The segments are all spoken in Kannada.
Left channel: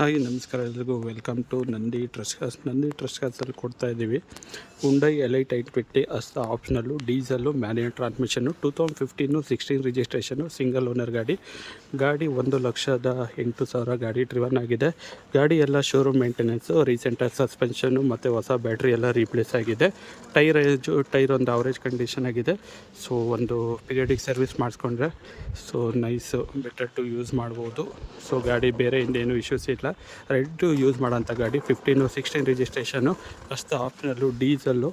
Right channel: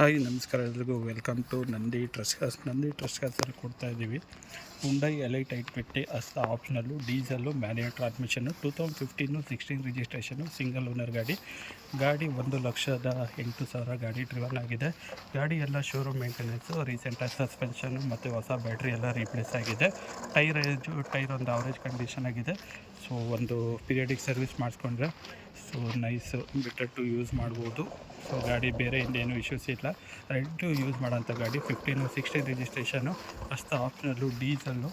ಹಾಯ್ ನಮಸ್ಕಾರ ಎಲ್ರಿಗೂ ವೆಲ್ಕಮ್ ಟು ನಂದಿ ಟ್ರಸ್ಟ್ ಕಾರ್ಸಲ್ಲಿ ಕೊಡ್ತಾ ಇದ್ದೀವಿ ಹುಂಡೈ ಎಲೈಟ್ 850 ಅಷ್ಟ optional diesel manual transmission 2015-16 registration single owner ಗಾಡಿ 1,08,000 ಗಾಡಿ ಡ್ರಿವನ್ ಆಗಿದೆ. ಗಾಡಿ ಎಲ್ಲ ಶೋರೂಮ್ ಮೇಂಟೆನೆನ್ಸು, ರೀಸೆಂಟಾಗಿ ಸಸ್ಪೆನ್ಷನ್ನು ಮತ್ತು ಹೊಸ ಬ್ಯಾಟ್ರಿ ಎಲ್ಲ ರೀಪ್ಲೇಸ್ ಆಗಿದೆ. ಟೈರ್ ಒಂದು ಅವರೇಜ್ ಕಂಡೀಷನ್ ಆಗಿದೆ. ಸೊ ಒಂದು ಪೀರಿಯಡಿಕ್ ಸರ್ವಿಸ್ ಮಾಡಿಸ್ಕೊಂಡ್ರೆ so nice better to use ಮಾಡ್ಬೋದು. ಸೊ ಗಾಡಿ ಬೇರೆ ಇನ್ನೇನು ಇಶ್ಯೂಸ್ ಇಲ್ಲ. ರೆಡ್ ಯೂಸ್ ಮಾಡೋಂಥ ಗಾಡಿ 15-16 ರಿಜಿಸ್ಟ್ರೇಷನ್ನು ಅಷ್ಟು optional diesel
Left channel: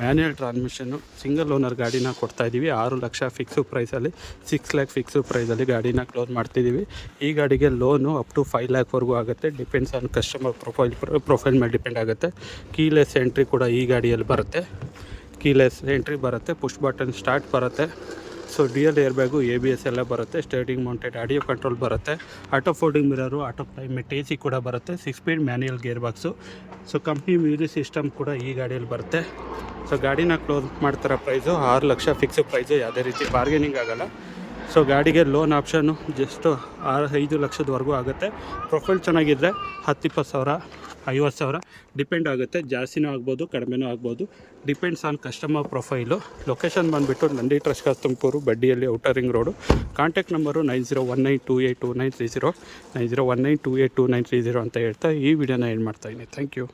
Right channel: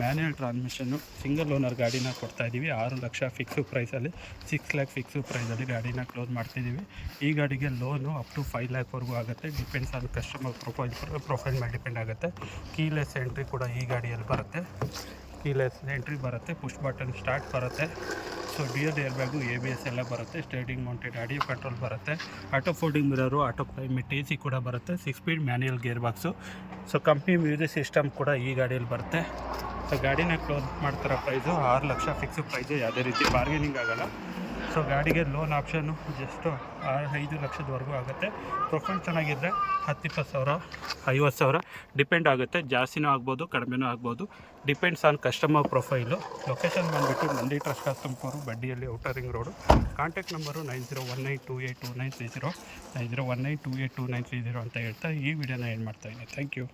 manual transmission single owner ಗಾಡಿನ ಕೊಡ್ತಾಯಿದ್ದೀವಿ. 6 ಲಕ್ಷ ಫಿಕ್ಸು ಪ್ರೈಸಲ್ಲಿ 6 ಲ್ಯಾಕ್ ಫಿಕ್ಸು ಪ್ರೈಸಲ್ಲಿ ಗಾಡಿನ ಕ್ಲೋಸ್ ಮಾಡ್ತಿದ್ದೀವಿ. ಈ ಗಾಡಿಗೆ ಲೋನು ಅಪ್ ಟು 5 ಲ್ಯಾಕ್ವರೆಗೂ ಆಗುತ್ತೆ. ಡಿಪೆಂಡ್ಸ್ ಆನ್ ಕಸ್ಟಮರ್ ಪ್ರೊಫೈಲ್ ಮೇಲೆ ಡಿಪೆಂಡ್ ಆಗುತ್ತೆ. ಕೀಲೆಸ್ ಎಂಟ್ರಿ ಕೂಡ ಈ ಗಾಡಿಯಲ್ಲಿ ಬರುತ್ತೆ. ಪುಷ್ ಬಟನ್ ಸ್ಟಾರ್ಟ್ ಬರುತ್ತೆ. So real air bag, ABS ಎಲ್ಲ ಬರುತ್ತೆ. ಸ್ಟೇರಿಂಗ್ ಮೌಂಟೆಡ್ ಆಡಿಯೋ ಕಂಟ್ರೋಲ್ ಬರುತ್ತೆ. Auto folding mirror, auto climate AC ಕೂಡ ಬರುತ್ತೆ. 6 speed manual gear box. So company music system ಕೂಡ ಈ ಗಾಡಿಯಲ್ಲಿ ಬರುತ್ತೆ. ಸೊ ಗಾಡಿನ ಕ್ಲೋಸ್ ಮಾಡ್ತಿರೋ ಪ್ರೈಸು 6 ಲಕ್ಷ ಫಿಕ್ಸ್ ಪ್ರೈಸು, ಯಾವುದೇ ರೀತಿ ಬಾರ್ಗೇನಿಂಗ್ ಆಗೋಲ್ಲ. ಸೊ ಗಾಡಿಗೆ ಲೋನ್ ಆಪ್ಷನ್ನು ಜಸ್ಟು 5 ಲಕ್ಷದವರೆಗೂ ಆಗುತ್ತೆ. ಪ್ರೊಫೈಲ್ ಚೆನ್ನಾಗಿದ್ದರೆ 10-20 ಸಾವಿರ 50 ಸಾವಿರ ಡಿಪೆಂಡ್ ಆಗುತ್ತೆ. ಜಾಸ್ತಿನೂ ಆಗ್ಬೋದು, ಕಡಿಮೆನೂ ಆಗ್ಬೋದು. Depends on customer profile. Location ಬಂದುಬಿಟ್ಟು ನಂದಿ ಟ್ರಸ್ಟ್ ತುಮಕೂರು, ಬಡ್ಡಿಯಲ್ಲಿ outer ring road. Contact number 9019282930 9019282930 ಅಂತ ಹೇಳ್ತಾ ಈ ವಿಡಿಯೋನ ಏನು ಮಾಡ್ತಾಯಿದ್ದೀನಿ. Thank you.